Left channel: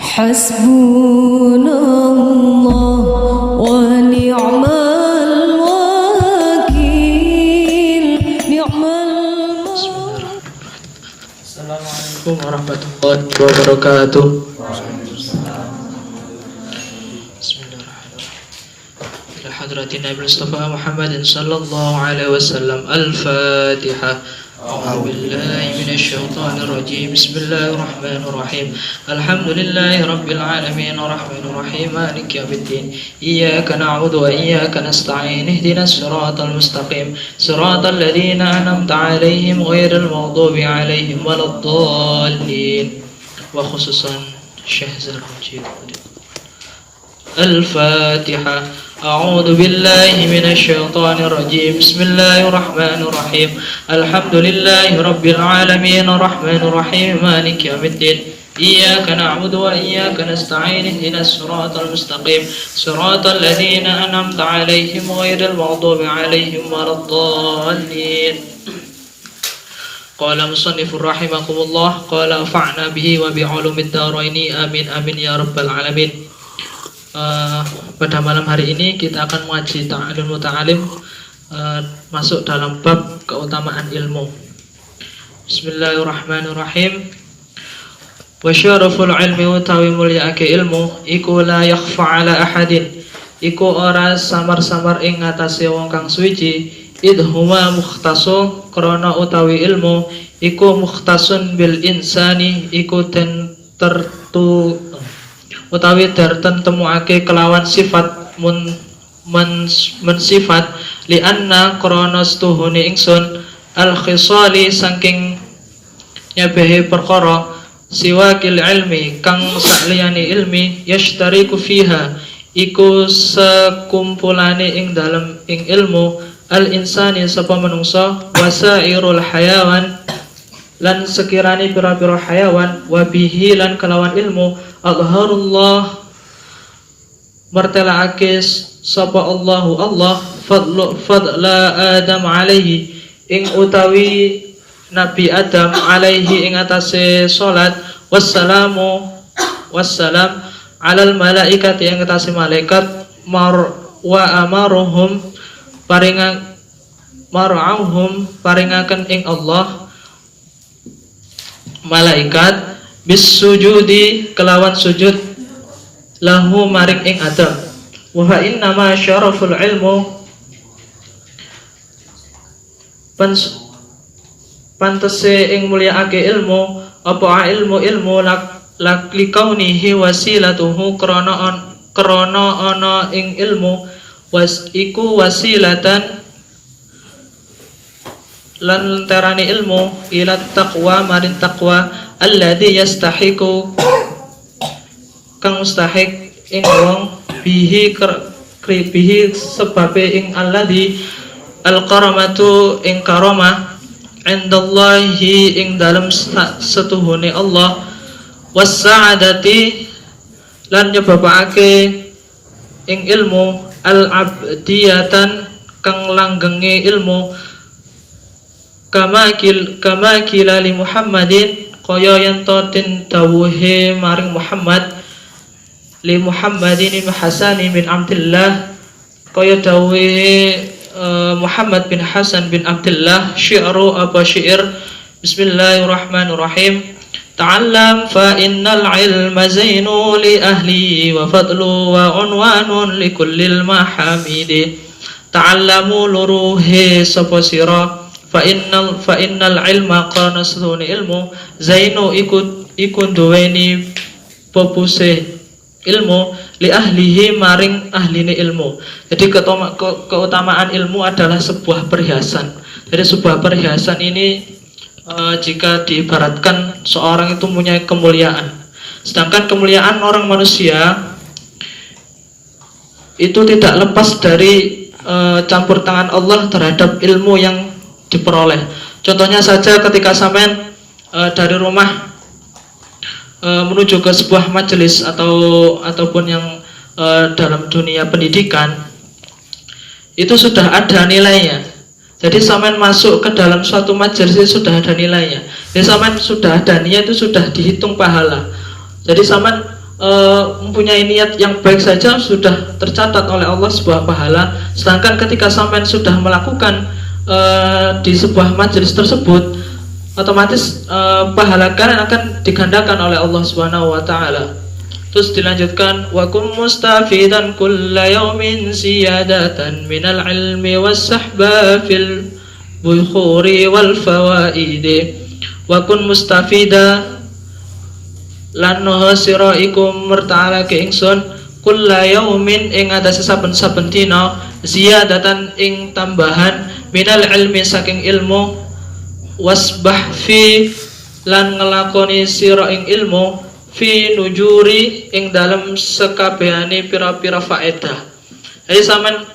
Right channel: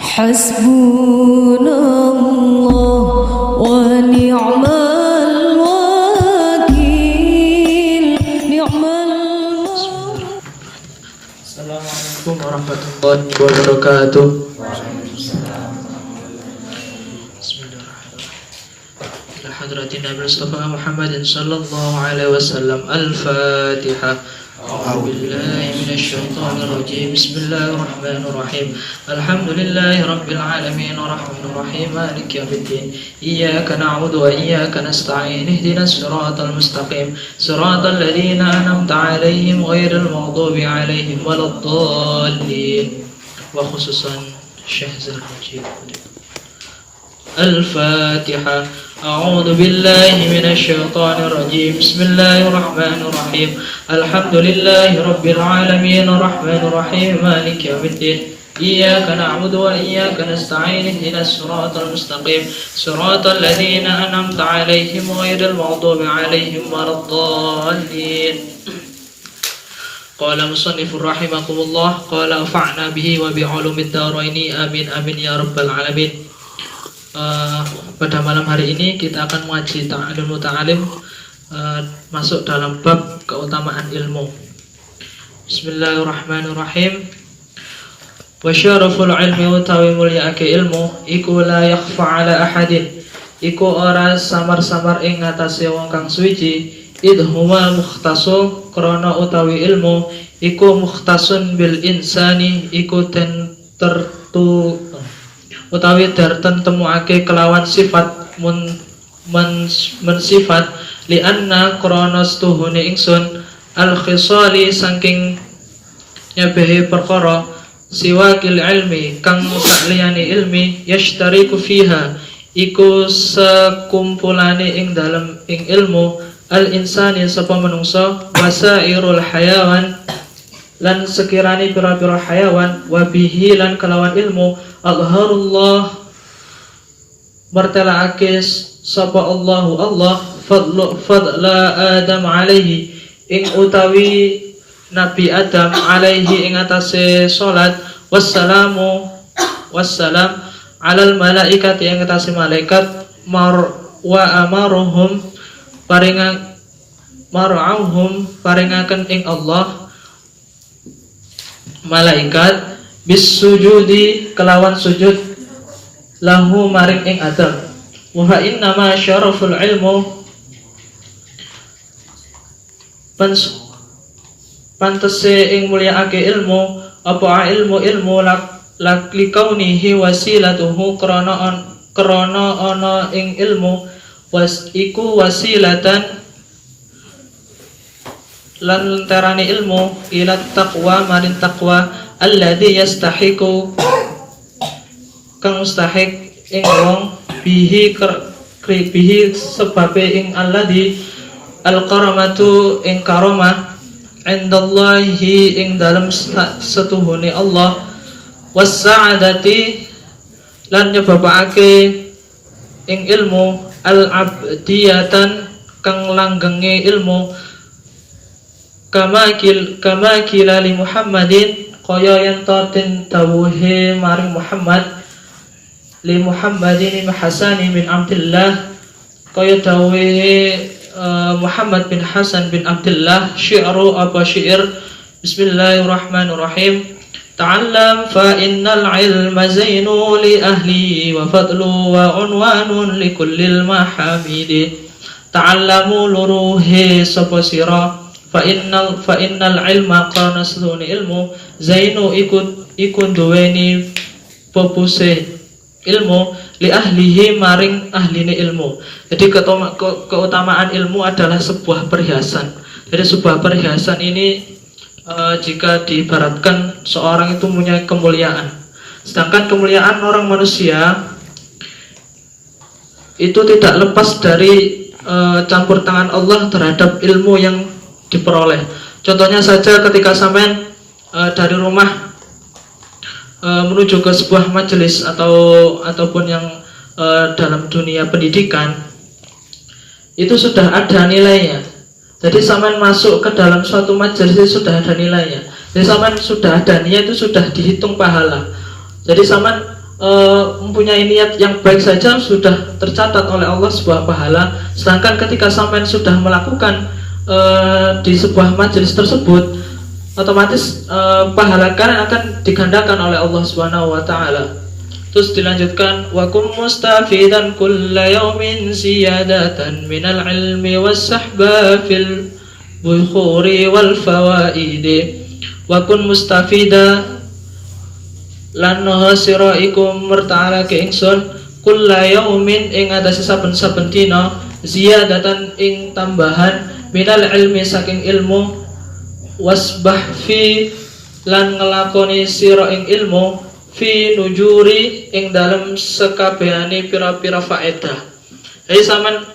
حسبنا الله ونعم الوكيل نعم Assalamualaikum warahmatullahi wabarakatuh. Bismillahirrahmanirrahim. Hadratin Nabi Mustafa Muhammadin sallallahu alaihi wasallam. Al-Fatihah. A'udzu billahi minasy syaithanir rajim. Bismillahirrahmanirrahim. Alhamdulillahi rabbil alamin arrahmanir rahim maliki yaumiddin. Iyyaka na'budu wa iyyaka nasta'in. Ihdinas siratal mustaqim. Siratal ladzina an'amta 'alaihim ghairil maghdubi 'alaihim waladdallin. Wa khususan Syekh Zulhijjah. Al-Fatihah. أعوذ بالله من الشيطان الرجيم بسم الله الرحمن الرحيم الحمد لله رب العالمين الرحمن الرحيم مالك يوم الدين إياك نعبد وإياك نستعين اهدنا الصراط المستقيم صراط الذين أنعمت عليهم غير المغضوب عليهم ولا الضالين قال مصنف رحمكم الله قال انفعنا به وبعلوم الدارين آمين آمين يا رب العالمين. Pada malam hari ini kita akan mengaji ta'lim muta'alim, masuk dalam bab keutamaan ilmu. Bismillahirrahmanirrahim. Wa syaraful ilmi utawi mulyake ilmu iku la yakhfa ala ahadin, iku ora samar-samar ing ngatasé wong kang suci. Idhuwa mukhtasu krana utawi ilmu iku mukhtasun bil insani, iku den tertu utawi tertentemuake kelawan sifat mensifat lianna kronos tuhuni ingsun al khisali saking nyabehe perkara siwakil ilmi kang sakliyane ilmi yashtariku fiha iku sekumpulane ing dalem ing ilmu al insani sapa manungsa wasairul hayawan lan sekirani pira-pira hayawan wabihi lan kelawan ilmu adharullah martalaake sapa Allahu Allah fadla Adam alaihi ing utawi Nabi Adam alaihi ing atase salat wassalam alal malaikati ing atase malaikat wa amaruhum paringaken ing Allah malaikat bis sujudi kelawan sujud lahu maring ing Adam. Wa fa inna ma syaraful ilmu pantese ing mulyaake ilmu apa ilmu likaunihi wasilatuhu krana ana ing ilmu iku wasilatan lan tarani ilmu ila taqwa maring taqwa alladzi yastahiqu kang mustahik ing wong bihi sebabe ing alladzi alkaramatu ing karamah indallahi ing dalem setuhune Allah was-sa'adati lan nyebabake ing ilmu al-abdiyatan kang langgenge ilmu kama kilali Muhammadin kaya yen den dawuhe maring Muhammad li Muhammadin bin Hasan bin Abdullah kaya dawuhe Muhammad bin Hasan bin Abdullah syi'ru apa syair Bismillahirrahmanirrahim ta'allam fa innal ilma zainu li ahli wa fadlu wa unwanun li kullil mahamidi ta'allamu luruhi sapa sira fa innal ilma kana sedune ilmu zainu iku duweni popuse ilmu li ahlihi maring ahline ilmu. Jadi keutamaan ilmu adalah sebuah perhiasan. Jadi sebuah perhiasan ini jika diibaratkan seorang itu punya kemuliaan. Sedangkan kemuliaan orang manusia itu tidak lepas dari campur tangan Allah terhadap ilmu yang diperoleh. Contohnya saja ketika sampean dari rumah menuju ke sebuah majelis ataupun yang dalam dunia pendidikan itu sudah ada nilainya. Jadi sampean masuk ke dalam suatu majelis itu sudah ada nilainya. Jadi sampean sudah ada niat itu sudah dihitung pahala. Jadi sampean mempunyai niat yang baik saja sudah tercatat oleh Allah sebuah pahala. Sedangkan ketika sampean sudah melakukan di sebuah majelis tersebut, otomatis pahala kalian akan digandakan oleh Allah Subhanahu wa taala. Terus dilanjutkan, wa kum mustafidan kulla yawmin ziyadatan minal ilmi was-sahba fil bukhuri wal fawaidi. Wa kun mustafida lan sira iku mertalake ingsun kulla yaumin ing atase saben-saben dina ziyadatan ing tambahan minal ilmi saking ilmu wasbah fi lan ngelakoni sira ing ilmu fi nujuri ing dalam sekabehane pira-pira faedah. Jadi sampean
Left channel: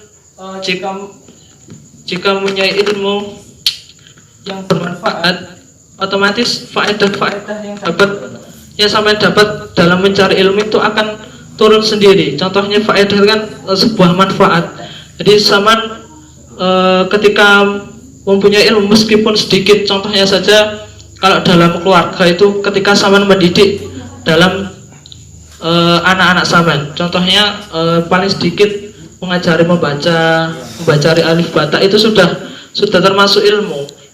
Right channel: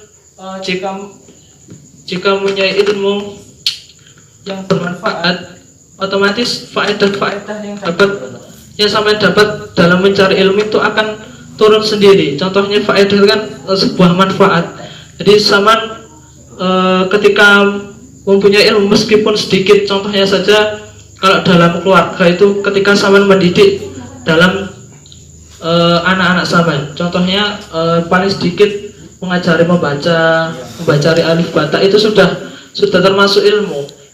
jika mempunyai ilmu yang bermanfaat, otomatis faedah-faedah yang sampean dapat dalam mencari ilmu itu akan turun sendiri. Contohnya faedah kan sebuah manfaat. Jadi sampean ketika mempunyai ilmu meskipun sedikit, contohnya saja kalau dalam keluarga itu ketika sampean mendidik dalam anak-anak sampean, contohnya paling sedikit mengajari membaca alif bata, itu sudah termasuk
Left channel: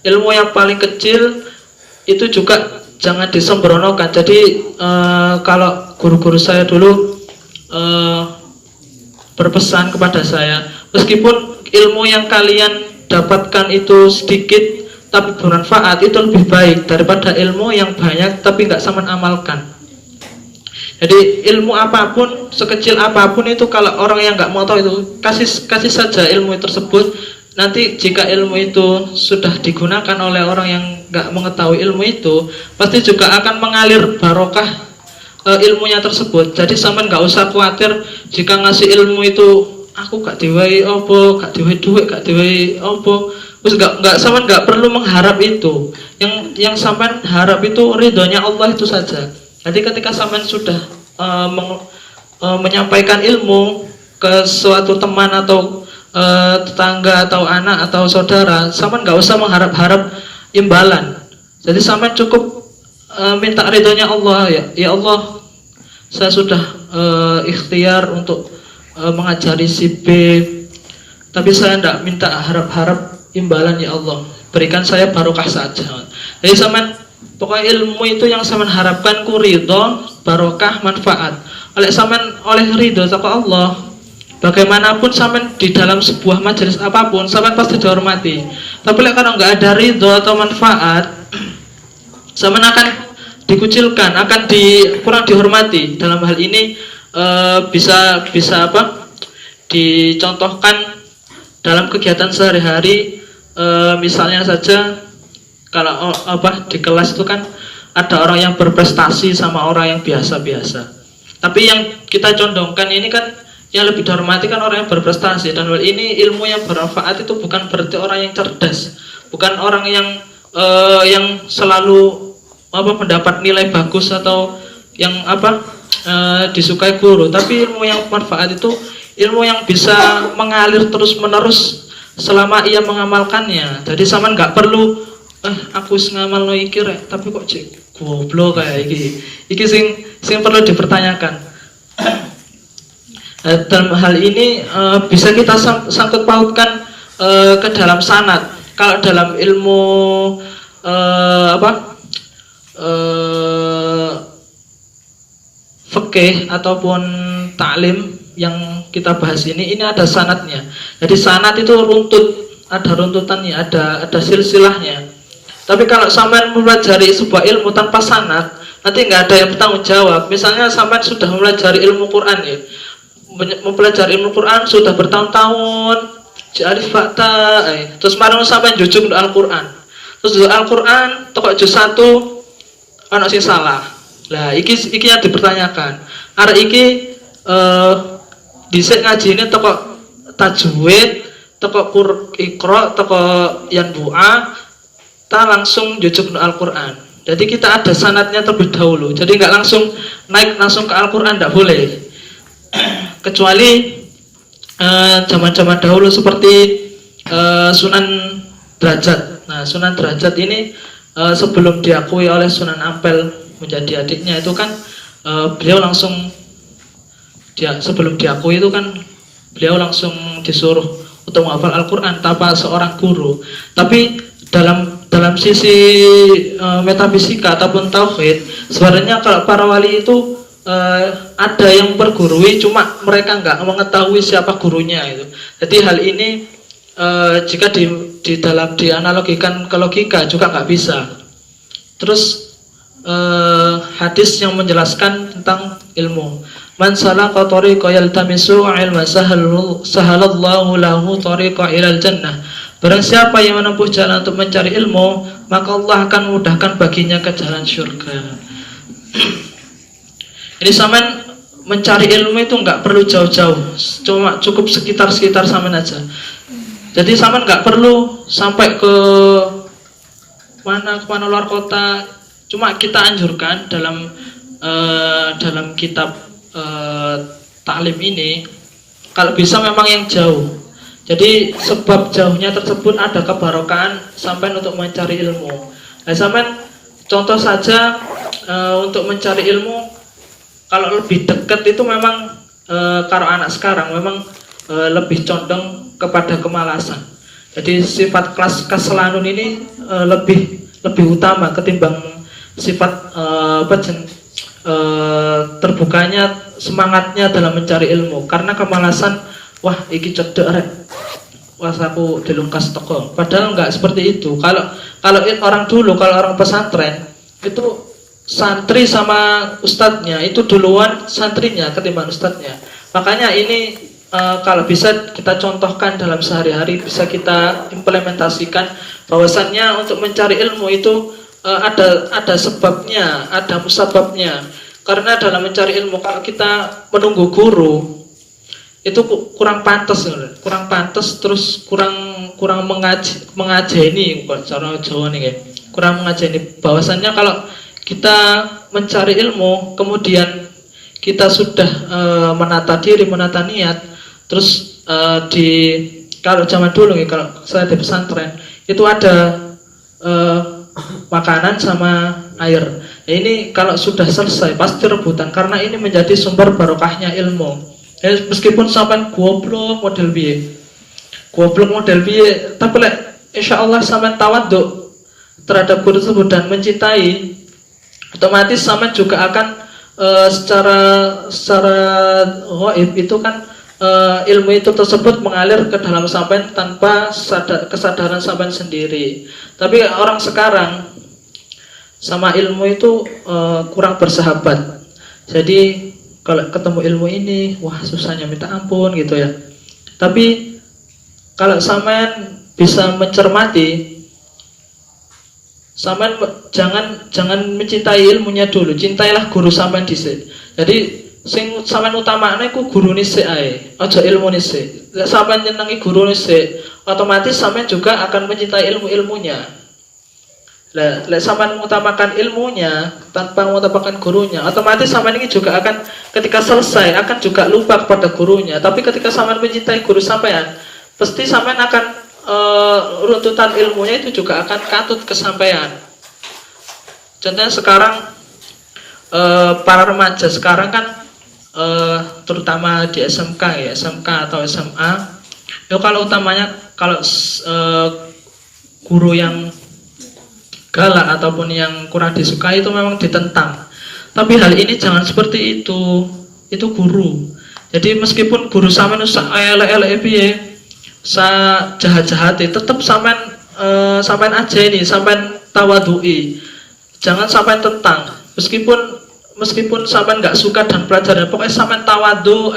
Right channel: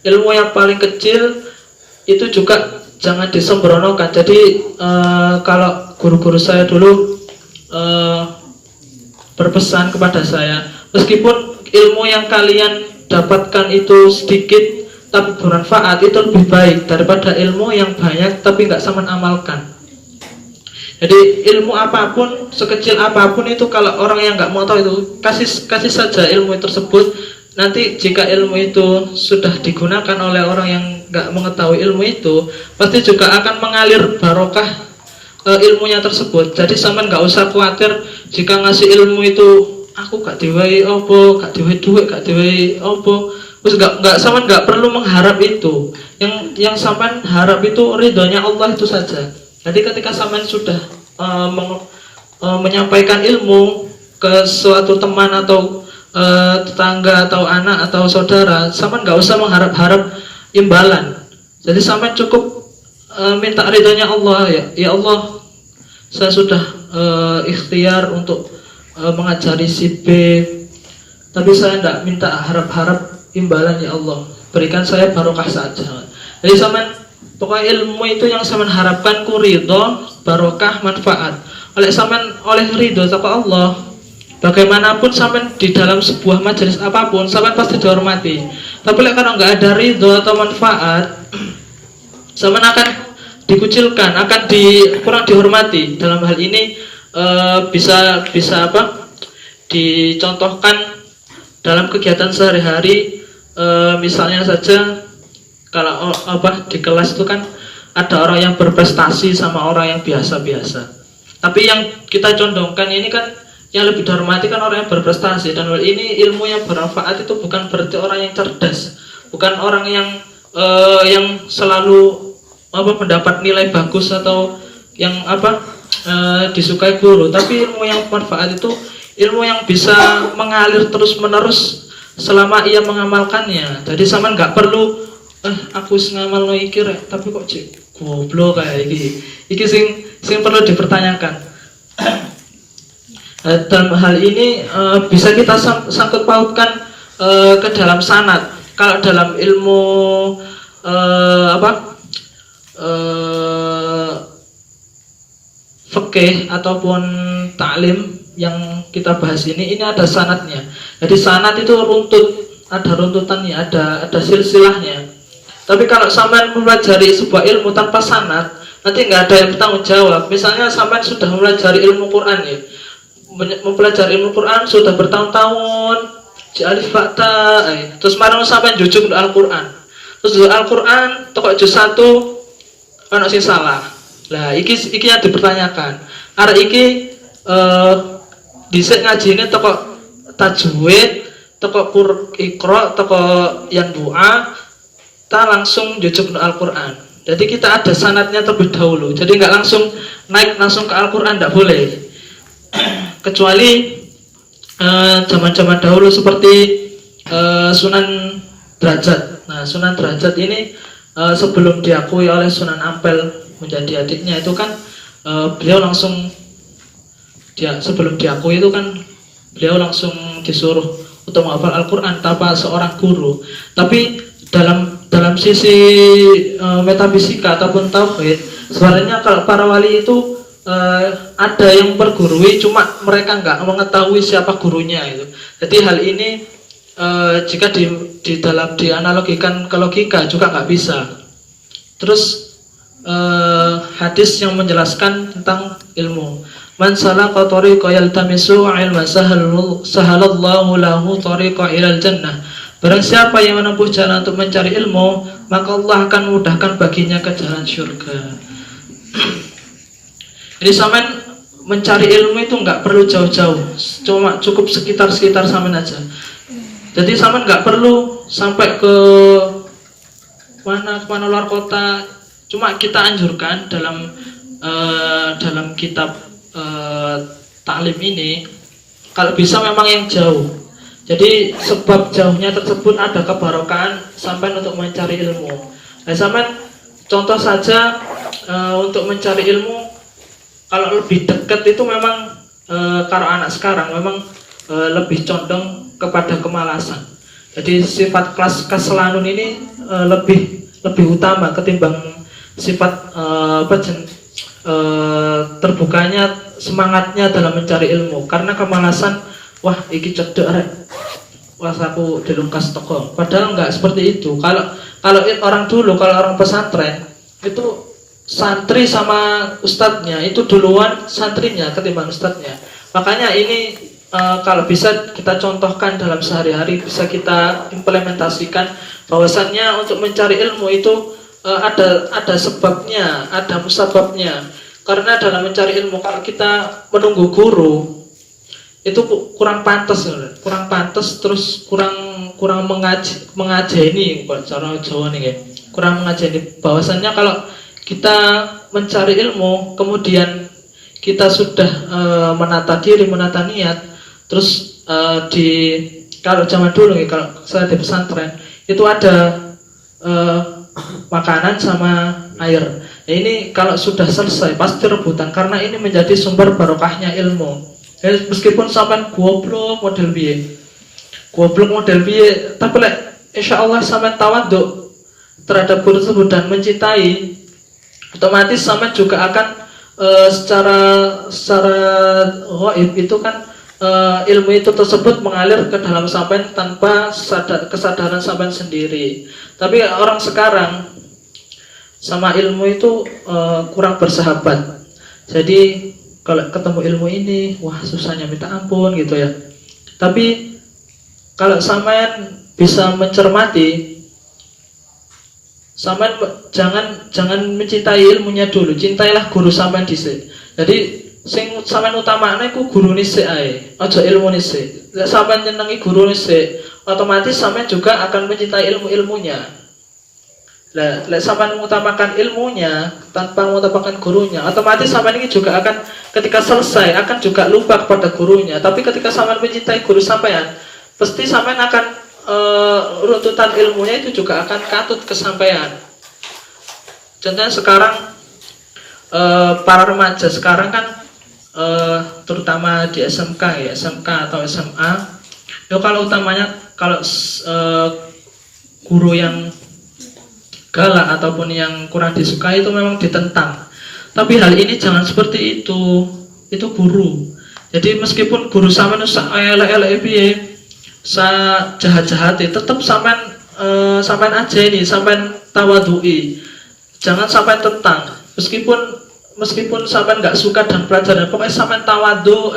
ilmu yang paling kecil. Itu juga jangan disembronokan. Jadi kalau guru-guru saya dulu berpesan kepada saya, meskipun ilmu yang kalian dapatkan itu sedikit tapi bermanfaat, itu lebih baik daripada ilmu yang banyak tapi nggak sampean amalkan. Jadi ilmu apapun, sekecil apapun itu, kalau orang yang nggak mau tahu itu, kasih saja ilmu tersebut. Nanti jika ilmu itu sudah digunakan oleh orang yang nggak mengetahui ilmu itu, pasti juga akan mengalir barokah ilmunya tersebut. Jadi sampean nggak usah khawatir jika ngasih ilmu itu aku gak diwehi opo, gak diwehi duit, gak diwehi opo. Terus sampean nggak perlu mengharap itu. Yang sampean harap itu ridhonya Allah itu saja. Jadi ketika sampean sudah menyampaikan ilmu ke suatu teman atau tetangga atau anak atau saudara, sampean nggak usah mengharap-harap imbalan. Jadi sampean cukup minta ridhonya Allah, ya Allah, saya sudah ikhtiar untuk mengajari si B, tapi saya tidak minta harap-harap imbalan, ya Allah, berikan saya barokah saja. Jadi sampean pokoknya ilmu itu yang sampean harapkan ku ridho, barokah, manfaat. Oleh ridho toko Allah, bagaimanapun sampean di dalam sebuah majelis apapun, sampean pasti dihormati. Tapi kalau nggak ada ridho atau manfaat, sampean akan dikucilkan, akan kurang dihormati. Dalam hal ini bisa dicontohkan dalam kegiatan sehari-hari. Misalnya saja kalau di kelas itu kan ada orang yang berprestasi sama orang yang biasa-biasa. Tapi yang kita condongkan ini kan yang lebih dihormati kan orang yang berprestasi. Dan ini ilmu yang bermanfaat itu bukan berarti orang yang cerdas, bukan orang yang selalu mendapat nilai bagus atau yang disukai guru. Tapi ilmu yang bermanfaat itu ilmu yang bisa mengalir terus menerus selama ia mengamalkannya. Jadi sama nggak perlu aku ngamal no iki rek, tapi kok cek goblok kayak iki sing perlu dipertanyakan. Dalam hal ini bisa kita sangkut pautkan ke dalam sanad. Kalau dalam ilmu fikih ataupun taklim yang kita bahas ini ada sanadnya. Jadi sanad itu runtut, ada runtutannya, ada silsilahnya. Tapi kalau sampean mempelajari sebuah ilmu tanpa sanad, nanti nggak ada yang bertanggung jawab. Misalnya sampean sudah mempelajari ilmu Quran ya, mempelajari ilmu Quran sudah bertahun-tahun, alif bata, terus marang sampean jujuk Al-Quran, terus di Al-Quran toko juz 1 ono sing salah. Lah iki yang dipertanyakan. Arek iki dhisik ngajine toko tajwid, toko Iqra, toko yang doa, ta langsung jujuk Al-Quran. Jadi kita ada sanadnya terlebih dahulu. Jadi nggak langsung naik langsung ke Al-Quran, nggak boleh. Kecuali zaman-zaman dahulu seperti Sunan Derajat. Nah, Sunan Derajat ini sebelum diakui oleh Sunan Ampel menjadi adiknya itu kan beliau langsung sebelum diakui itu kan beliau langsung disuruh untuk menghafal Al-Quran tanpa seorang guru. Tapi dalam sisi metafisika ataupun tauhid, sebenarnya kalau para wali itu ada yang bergurui, cuma mereka nggak mengetahui siapa gurunya itu. Jadi hal ini jika dalam dianalogikan ke logika juga nggak bisa. Terus hadis yang menjelaskan tentang ilmu. Man salaka tariqa yaltamisu ilma sahalallahu lahu tariqa ilal jannah. Barang siapa yang menempuh jalan untuk mencari ilmu, maka Allah akan memudahkan baginya ke jalan surga. Jadi saman mencari ilmu itu nggak perlu jauh-jauh, cuma cukup sekitar saman aja. Jadi saman nggak perlu sampai ke mana luar kota. Cuma kita anjurkan dalam kitab taklim ini, kalau bisa memang yang jauh. Jadi sebab jauhnya tersebut ada kebarokahan sampai untuk mencari ilmu. Nah, sampai contoh saja untuk mencari ilmu, kalau lebih dekat itu memang kalau anak sekarang memang lebih condong kepada kemalasan. Jadi sifat keselanun ini lebih utama ketimbang sifat terbukanya semangatnya dalam mencari ilmu. Karena kemalasan, wah iki cedek rek, wah aku dilungkas toko. Padahal enggak seperti itu. Kalau orang dulu, kalau orang pesantren itu santri sama ustadznya itu duluan santrinya ketimbang ustadznya. Makanya ini kalau bisa kita contohkan dalam sehari-hari, bisa kita implementasikan bahwasannya untuk mencari ilmu itu ada sebabnya, ada musababnya. Karena dalam mencari ilmu, kalau kita menunggu guru itu kurang pantas, terus kurang mengajeni, cara Jawa nih, kurang mengajeni. Bahwasannya kalau kita mencari ilmu, kemudian kita sudah menata diri, menata niat, terus kalau zaman dulu nih, kalau saya di pesantren itu ada makanan sama air. Nah, ini kalau sudah selesai pasti rebutan, karena ini menjadi sumber barokahnya ilmu. Meskipun sampai goblok model biye, tapi insya Allah sampai tawaduk terhadap guru tersebut dan mencintai, otomatis sampai juga akan secara ghaib itu kan ilmu itu tersebut mengalir ke dalam sampean tanpa kesadaran sampean sendiri. Tapi orang sekarang sama ilmu itu kurang bersahabat. Jadi kalau ketemu ilmu ini, wah susahnya minta ampun gitu ya. Tapi kalau sampean bisa mencermati, sampean jangan mencintai ilmunya dulu, cintailah guru sampean dhisik. Jadi sing sampean utamane ku gurune sik ae, aja ilmune sik. Lek sampean nyenengi gurune sik, otomatis sampean juga akan mencintai ilmunya. Lek sampean mengutamakan ilmunya tanpa mengutamakan gurunya, otomatis sampean ini juga akan ketika selesai akan juga lupa kepada gurunya. Tapi ketika sampean mencintai guru sampean, pasti sampean akan runtutan ilmunya itu juga akan katut kesampaian. Contohnya sekarang para remaja sekarang kan terutama di SMK ya, SMK atau SMA, ya kalau utamanya kalau guru yang galak ataupun yang kurang disukai itu memang ditentang. Tapi hal ini jangan seperti itu guru. Jadi meskipun guru sampean usah elek-elek piye, sa jahat-jahat, tetap sampean aja ini, sampean tawadui. Jangan sampean tentang. Meskipun sampean nggak suka dan pelajaran, pokoknya sampean tawadu.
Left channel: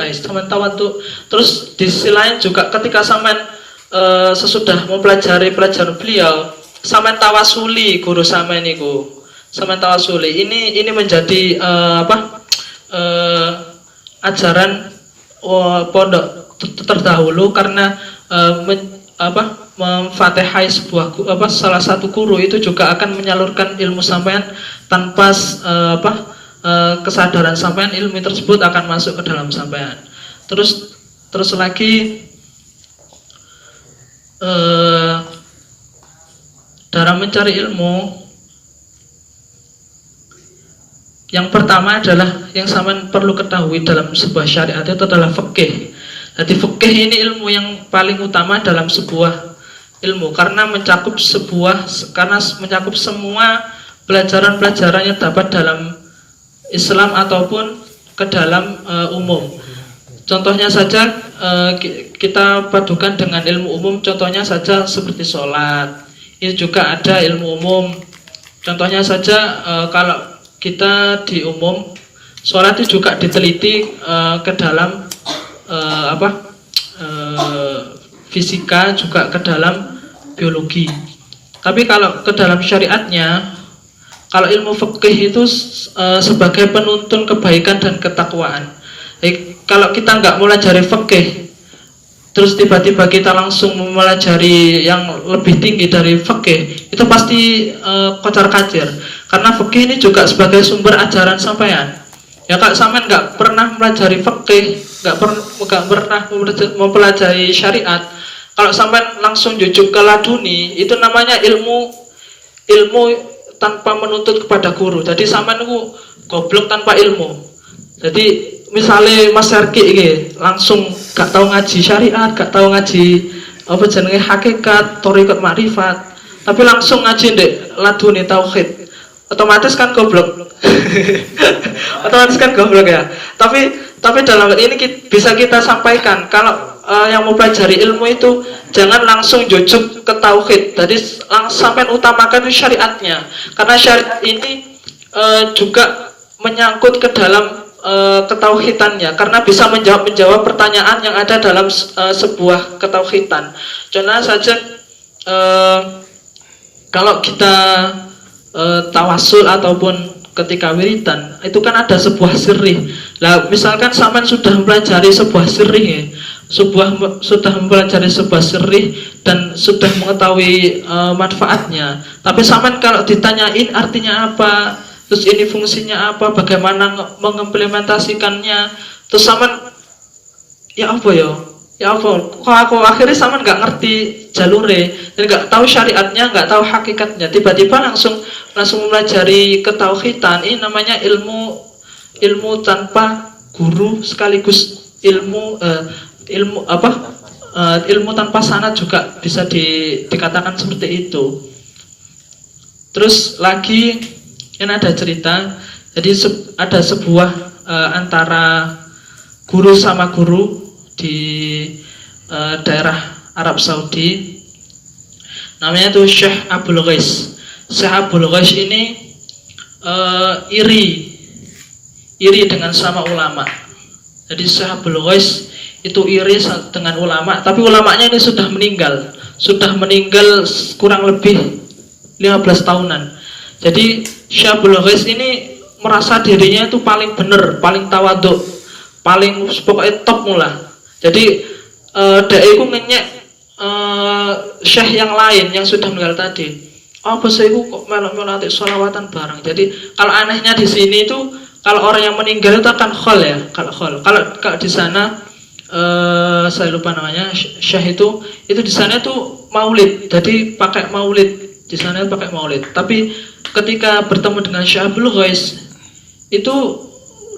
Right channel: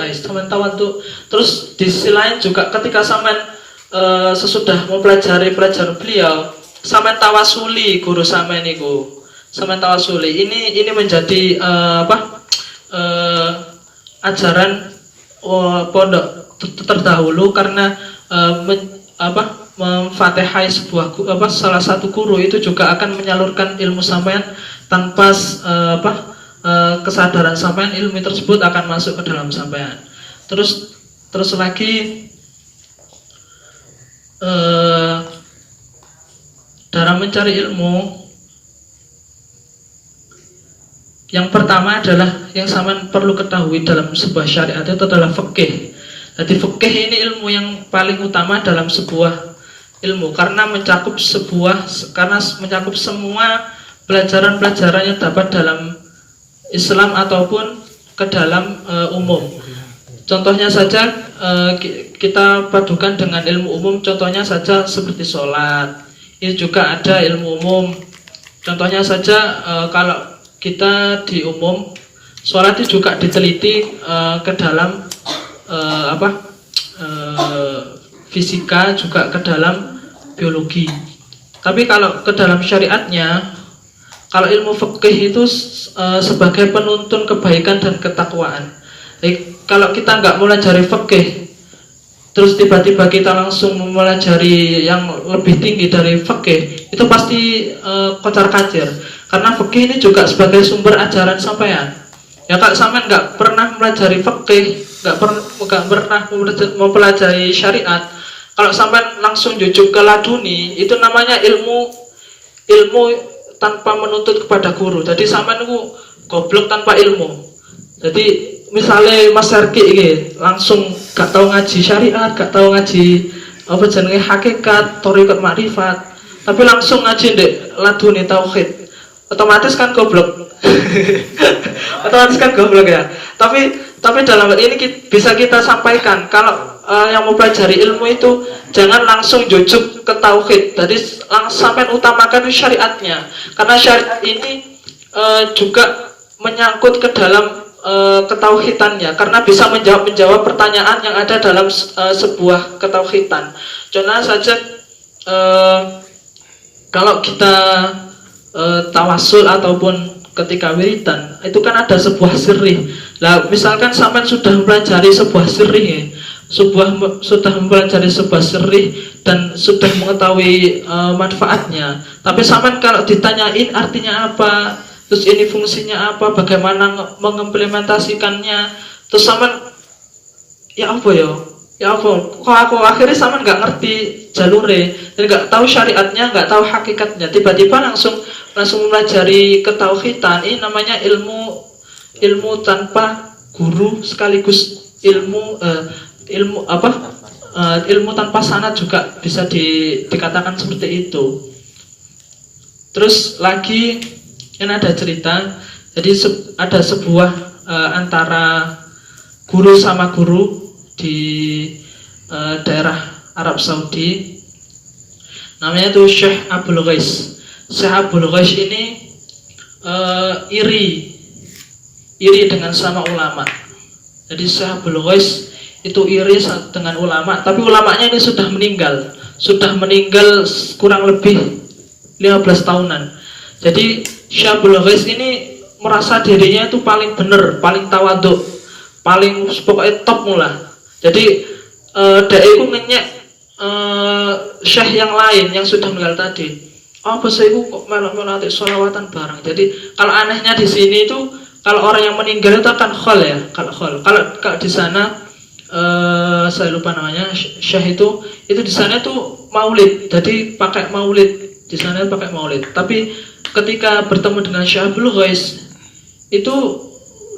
Terus di sisi lain juga ketika sampean sesudah mempelajari pelajaran beliau, sampean tawasuli guru sampean niku. Sampean tawasuli. Ini menjadi ajaran pondok terdahulu, karena memfatihai salah satu guru itu juga akan menyalurkan ilmu sampean tanpa kesadaran sampean, ilmu tersebut akan masuk ke dalam sampean. Terus lagi dalam mencari ilmu Yang pertama adalah yang sampean perlu ketahui dalam sebuah syariat itu adalah fikih. Jadi fikih ini ilmu yang paling utama dalam sebuah ilmu karena mencakup semua pelajaran-pelajaran yang dapat dalam Islam ataupun ke dalam umum. Contohnya saja kita padukan dengan ilmu umum. Contohnya saja seperti sholat, ini juga ada ilmu umum. Contohnya saja kalau kita di umum sholat itu juga diteliti ke dalam fisika, juga ke dalam biologi. Tapi kalau ke dalam syariatnya, kalau ilmu fikih itu sebagai penuntun kebaikan dan ketakwaan. Kalau kita nggak melajari fikih, terus tiba-tiba kita langsung mempelajari yang lebih tinggi dari fikih, itu pasti kocar-kacir. Karena fikih ini juga sebagai sumber ajaran sampean. Ya kalau sampean nggak pernah mempelajari fikih, nggak pernah mempelajari syariat, kalau sampean langsung jujuk ke laduni, itu namanya ilmu tanpa menuntut kepada guru. Jadi sampean itu goblok tanpa ilmu. Jadi misalnya Mas Arki ini langsung gak tahu ngaji syariat, gak tahu ngaji apa jenenge hakikat, thariqat makrifat, tapi langsung ngaji ndek laduni tauhid, otomatis kan goblok. Otomatis kan goblok ya. Tapi dalam hal ini bisa kita sampaikan kalau yang mau pelajari ilmu itu jangan langsung jujuk ke tauhid. Jadi sampai utamakan syariatnya, karena syariat ini juga menyangkut ke dalam ketauhidannya, karena bisa menjawab pertanyaan yang ada dalam sebuah ketauhidan. Contohnya saja kalau kita tawasul ataupun ketika wiridan, itu kan ada sebuah sirri. Lah misalkan sampean sudah mempelajari sebuah sirri, sudah mempelajari sebuah sirri dan sudah mengetahui manfaatnya, tapi sampean kalau ditanyain artinya apa, terus ini fungsinya apa, bagaimana mengimplementasikannya, terus sampean ya apa kok aku akhirnya sama nggak ngerti jalure dan nggak tahu syariatnya, nggak tahu hakikatnya, tiba-tiba langsung mempelajari ketauhidan. Ini namanya ilmu tanpa guru, sekaligus ilmu tanpa sanad juga bisa dikatakan seperti itu. Terus lagi ini ada cerita, jadi ada sebuah antara guru sama guru di daerah Arab Saudi, namanya tuh Syekh Abdul Ghais. Syekh Abdul Ghais ini iri dengan sama ulama. Jadi Syekh Abdul Ghais itu iri dengan ulama, tapi ulamanya ini sudah meninggal kurang lebih 15 tahunan. Jadi Syekh Abdul Ghais ini merasa dirinya itu paling benar, paling tawadhu, paling pokoknya top mula. Jadi dai ku ngenyek syekh yang lain yang sudah meninggal tadi. Apa sih ku kok malah sholawatan bareng. Jadi kalau anehnya di sini itu kalau orang yang meninggal itu akan khol ya, kalau di sana saya lupa namanya syekh itu di sana itu maulid. Jadi pakai maulid di sana itu pakai maulid. Tapi ketika bertemu dengan Syekh Abdul Ghais itu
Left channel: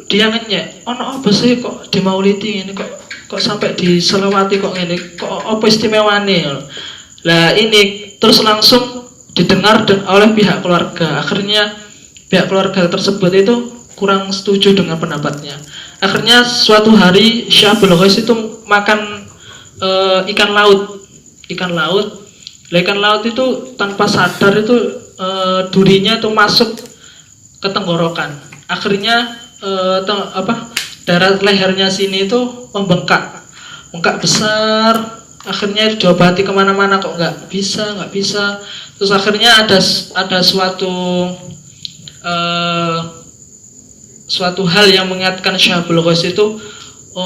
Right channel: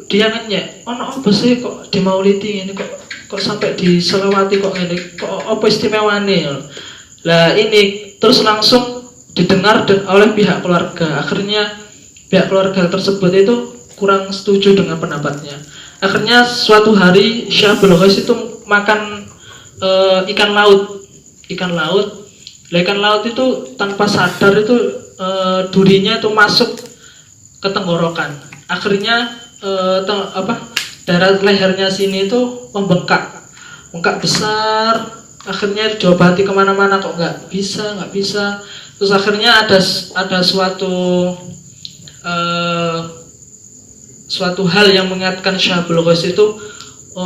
dia ngenyek, ono apa sih kok di maulidi ini kok sampai diselawati kok ini, kok apa istimewane. Lah ini terus langsung didengar oleh pihak keluarga. Akhirnya pihak keluarga tersebut itu kurang setuju dengan pendapatnya. Akhirnya suatu hari Syekh Abdul Ghais itu makan ikan laut. Lah ikan laut itu tanpa sadar itu durinya itu masuk ke tenggorokan. Akhirnya darah lehernya sini itu membengkak besar. Akhirnya diobati kemana-mana kok nggak bisa. Terus akhirnya ada suatu hal yang mengingatkan Syekh Abdul Ghais itu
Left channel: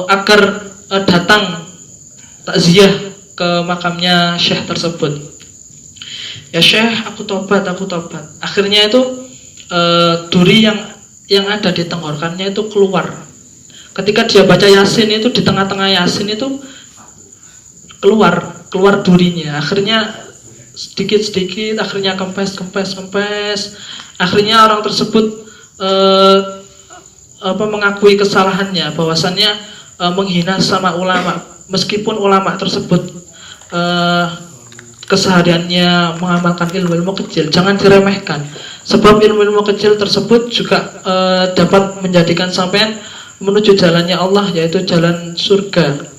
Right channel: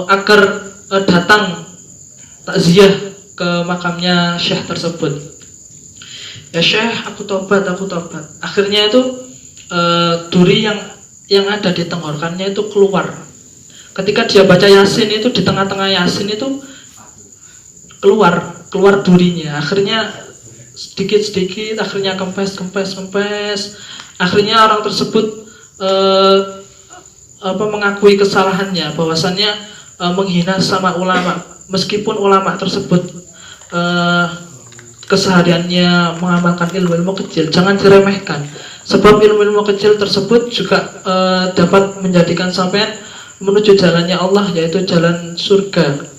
agar datang takziah ke makamnya Syekh tersebut. Ya Syekh, aku tobat. Akhirnya itu duri yang ada di tenggorokannya itu keluar. Ketika dia baca Yasin itu di tengah-tengah Yasin itu keluar durinya. Akhirnya sedikit, akhirnya kempes. Akhirnya orang tersebut mengakui kesalahannya, bahwasannya menghina sama ulama, meskipun ulama tersebut kesehariannya mengamalkan ilmu-ilmu kecil, jangan diremehkan. Sebab ilmu-ilmu kecil tersebut juga dapat menjadikan sampean menuju jalannya Allah, yaitu jalan surga.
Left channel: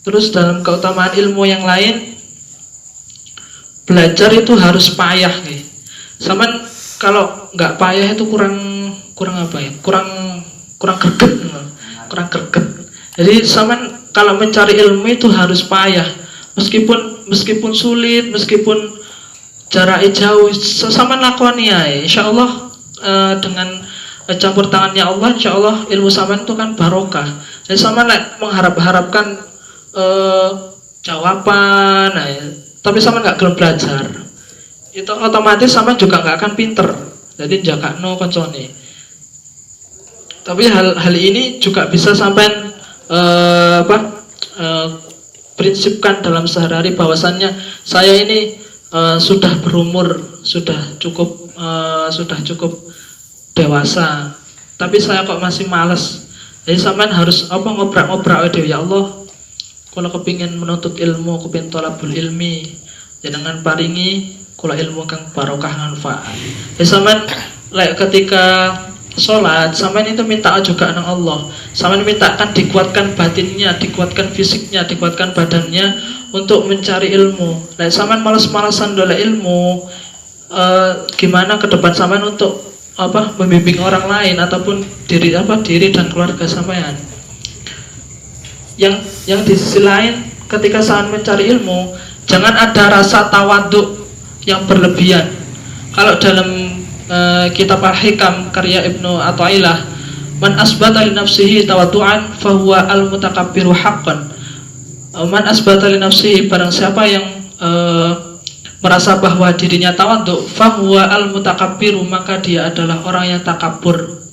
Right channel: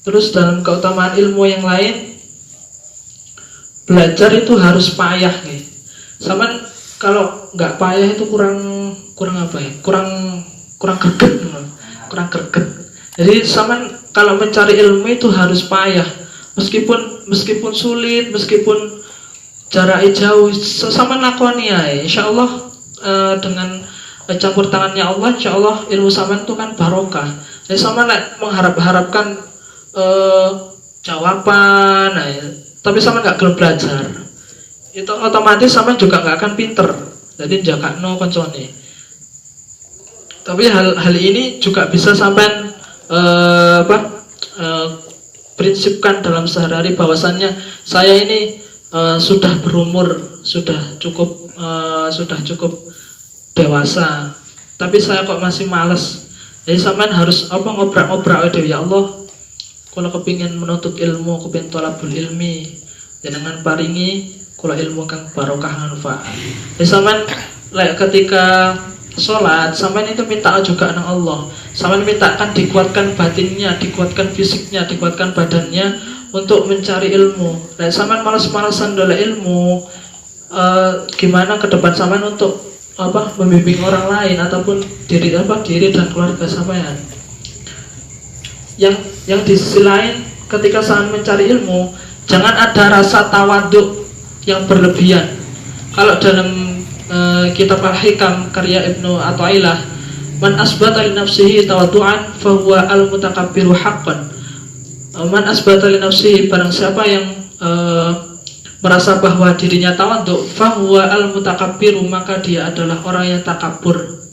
Terus dalam keutamaan ilmu yang lain, belajar itu harus payah nih. Saman kalau nggak payah itu kurang apa ya? Kurang greget. Jadi saman kalau mencari ilmu itu harus payah. Meskipun sulit, meskipun jaraknya jauh, sama lakoni ya. Insyaallah dengan campur tangannya Allah, insyaallah ilmu saman itu kan barokah. Jadi saman mengharapkan jawaban, tapi sama nggak gelem belajar, itu otomatis sama juga nggak akan pinter. Jadi jaga no koncone. Tapi hal ini juga bisa sampai prinsipkan dalam sehari-hari, bahwasannya saya ini sudah berumur, sudah cukup dewasa, tapi saya kok masih malas. Jadi sampean harus ngobrak-ngobrak ya Allah. Kalau kepingin menuntut ilmu, kepingin tolabul ilmi, jangan paringi kula ilmu kang barokah manfaat. Sampean ketika sholat, sampean itu minta juga nang Allah. Sampean mintakan dikuatkan batinnya, dikuatkan fisiknya, dikuatkan badannya untuk mencari ilmu. Sampean malas-malasan dola ilmu, gimana ke depan sampean untuk membimbing orang lain ataupun diri dan keluarga sampean. Yang di sisi lain, ketika saat mencari ilmu, jangan ada rasa tawaduk yang berlebihan. Kalau dalam kitab Al-Hikam karya Ibnu Athaillah, man asbata li nafsihi tawaddu'an fahuwa al-mutakabbiru haqqan. Man asbata li nafsihi, barang siapa yang merasa bahwa dirinya tawaduk, fahuwa al-mutakabbiru, maka dia adalah orang yang takabur.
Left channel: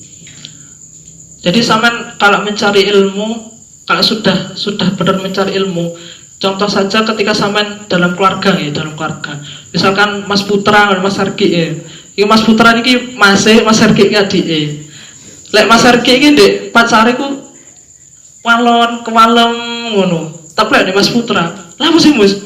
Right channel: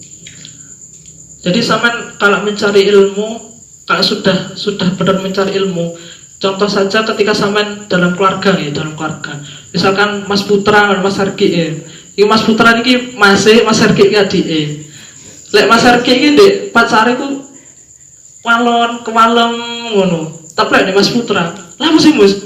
Jadi saman kalau mencari ilmu, kalau sudah benar mencari ilmu, contoh saja ketika saman dalam keluarga, misalkan Mas Putra, Mas Arki, Mas Putra ini Mas Arki adik, lek Mas Arki ini dek pacare ku kewalem ngono, tapi lek Mas Putra, lapo sih Mas,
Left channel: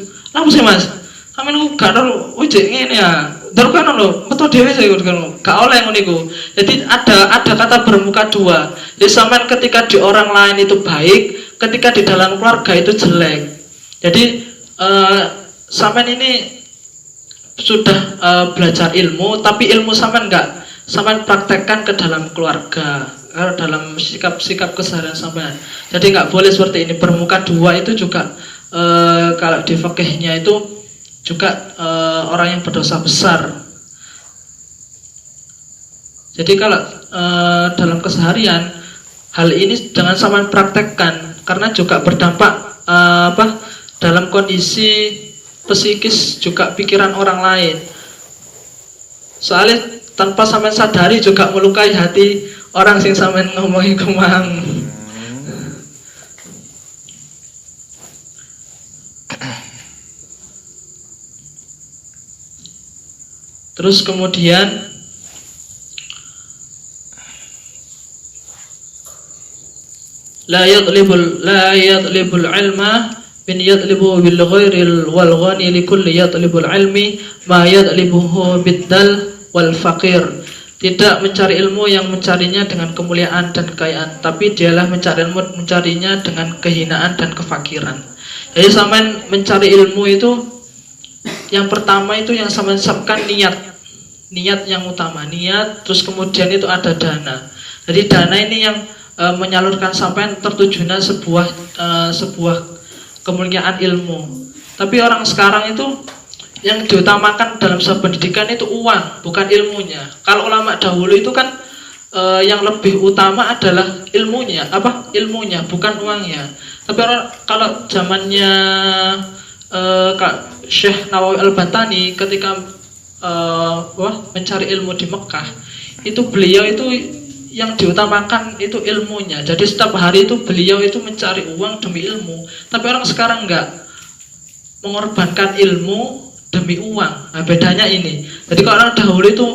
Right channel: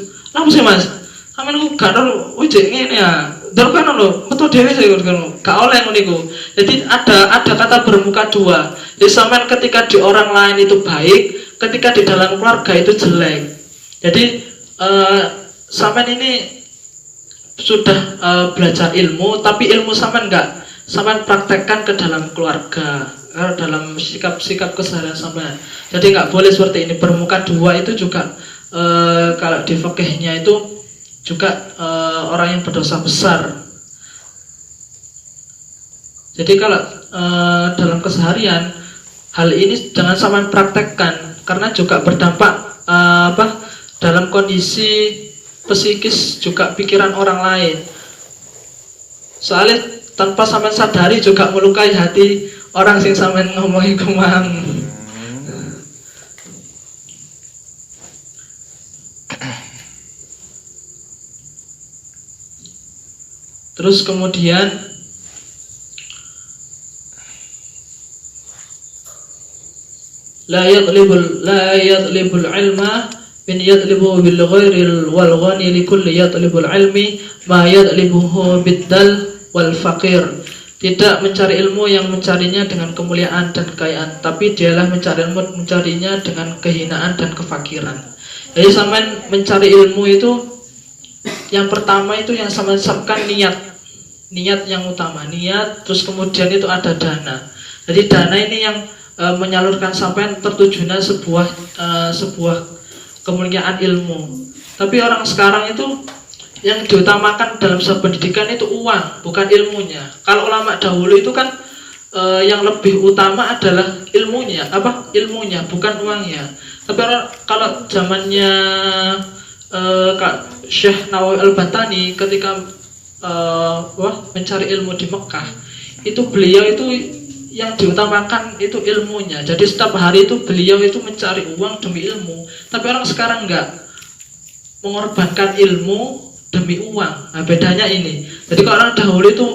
saman ku gak ono ujek ngene ya, kan lo betul dhewe saya gak oleh ngono iku. Jadi ada kata bermuka dua. Jadi saman ketika di orang lain itu baik, ketika di dalam keluarga itu jelek. Jadi saman ini sudah belajar ilmu, tapi ilmu saman praktekkan ke dalam keluarga, dalam sikap keseharian saman. Jadi nggak boleh seperti ini. Bermuka dua itu juga kalau di fikihnya itu juga orang yang berdosa besar. Jadi kalau dalam keseharian, hal ini jangan sampai praktekkan, karena juga berdampak dalam kondisi psikis juga pikiran orang lain. Soalnya tanpa sampean sadari juga melukai hati orang sing sampean ngomongi kumang. Terus kemudian la yatlibul ilma min yatlibu bil ghairil wal ghani li kulli yatlibul ilmi ma yatlibuhu biddal wal faqir. Tidak mencari ilmu yang mencarinya dengan kemuliaan dan kekayaan, tapi dialah mencarinya dengan kehinaan dan kefakiran. Jadi sampean mencari ilmu itu yang pertama itu yang sampean siapkan niat yang utama, niat, terus kemudian itu ada dana. Jadi dana ini yang menyalurkan sampai tertujunya sebuah kemuliaan ilmu. Tapi orang sekarang itu yang diutamakan dalam sebuah pendidikan itu uang, bukan ilmunya. Kalau ulama dahulu itu kan yang lebih utama adalah ilmunya, bukan uangnya. Tapi kalau zamannya Syekh Nawawi Al-Bantani ketika mencari ilmu di Mekah, itu beliau itu yang diutamakan itu ilmunya. Jadi setiap hari itu beliau itu mencari uang demi ilmu. Tapi orang sekarang enggak, mengorbankan ilmu demi uang. Nah, bedanya ini. Jadi kalau orang dahulu itu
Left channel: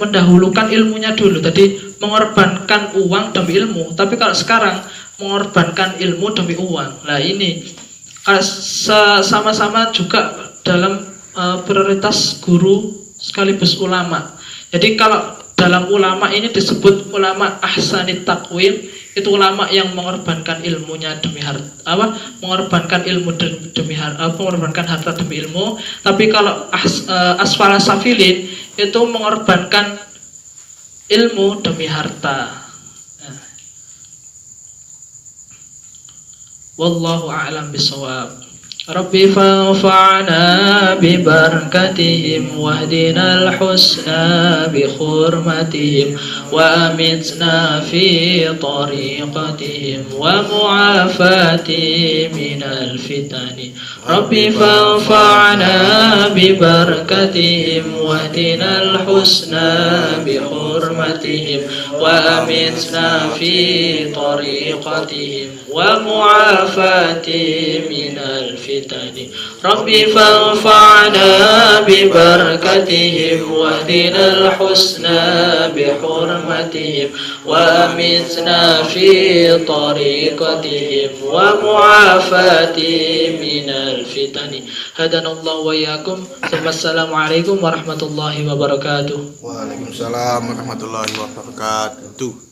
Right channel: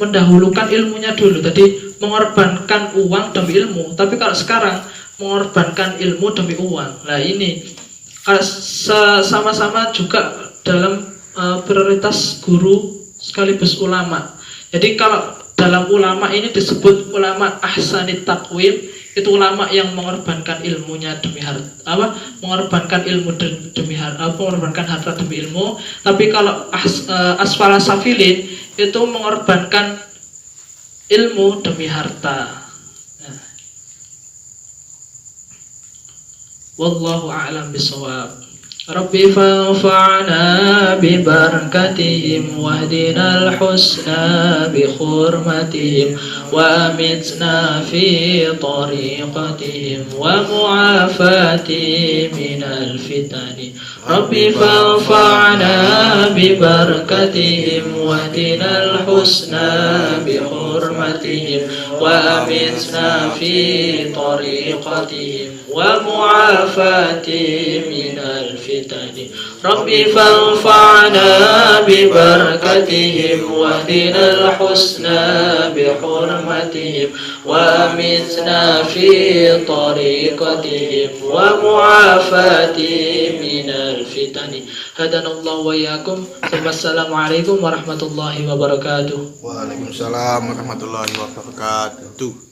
mendahulukan ilmunya dulu. Jadi mengorbankan uang demi ilmu. Tapi kalau sekarang mengorbankan ilmu demi uang. Nah ini sama-sama juga dalam prioritas guru sekaligus ulama. Jadi kalau dalam ulama ini disebut ulama ahsanit takwim, itu ulama yang mengorbankan ilmunya demi harta, mengorbankan ilmu demi harta, mengorbankan harta demi ilmu. Tapi kalau asfala safilin itu mengorbankan ilmu demi harta. Wallahu a'lam bishawab. Rabbi fanfa'na bi barakatihim wahdina al-husna bi hurmatihim wa amitna fi tariqatihim wa mu'afati minal fitani. Rabbi fanfa'na bi barakatihim wahdina al-husna bi hurmatihim wa amitna fi tariqatihim wa mu'afati minal fitani. Rabbi fanfa'na bi barakatihim wahdina al-husna bi hurmatihim wa amitna fi tariqatihim wa mu'afati minal fitani. Hadanallahu wa iyyakum. Assalamualaikum warahmatullahi wabarakatuh. Waalaikumsalam warahmatullahi wabarakatuh.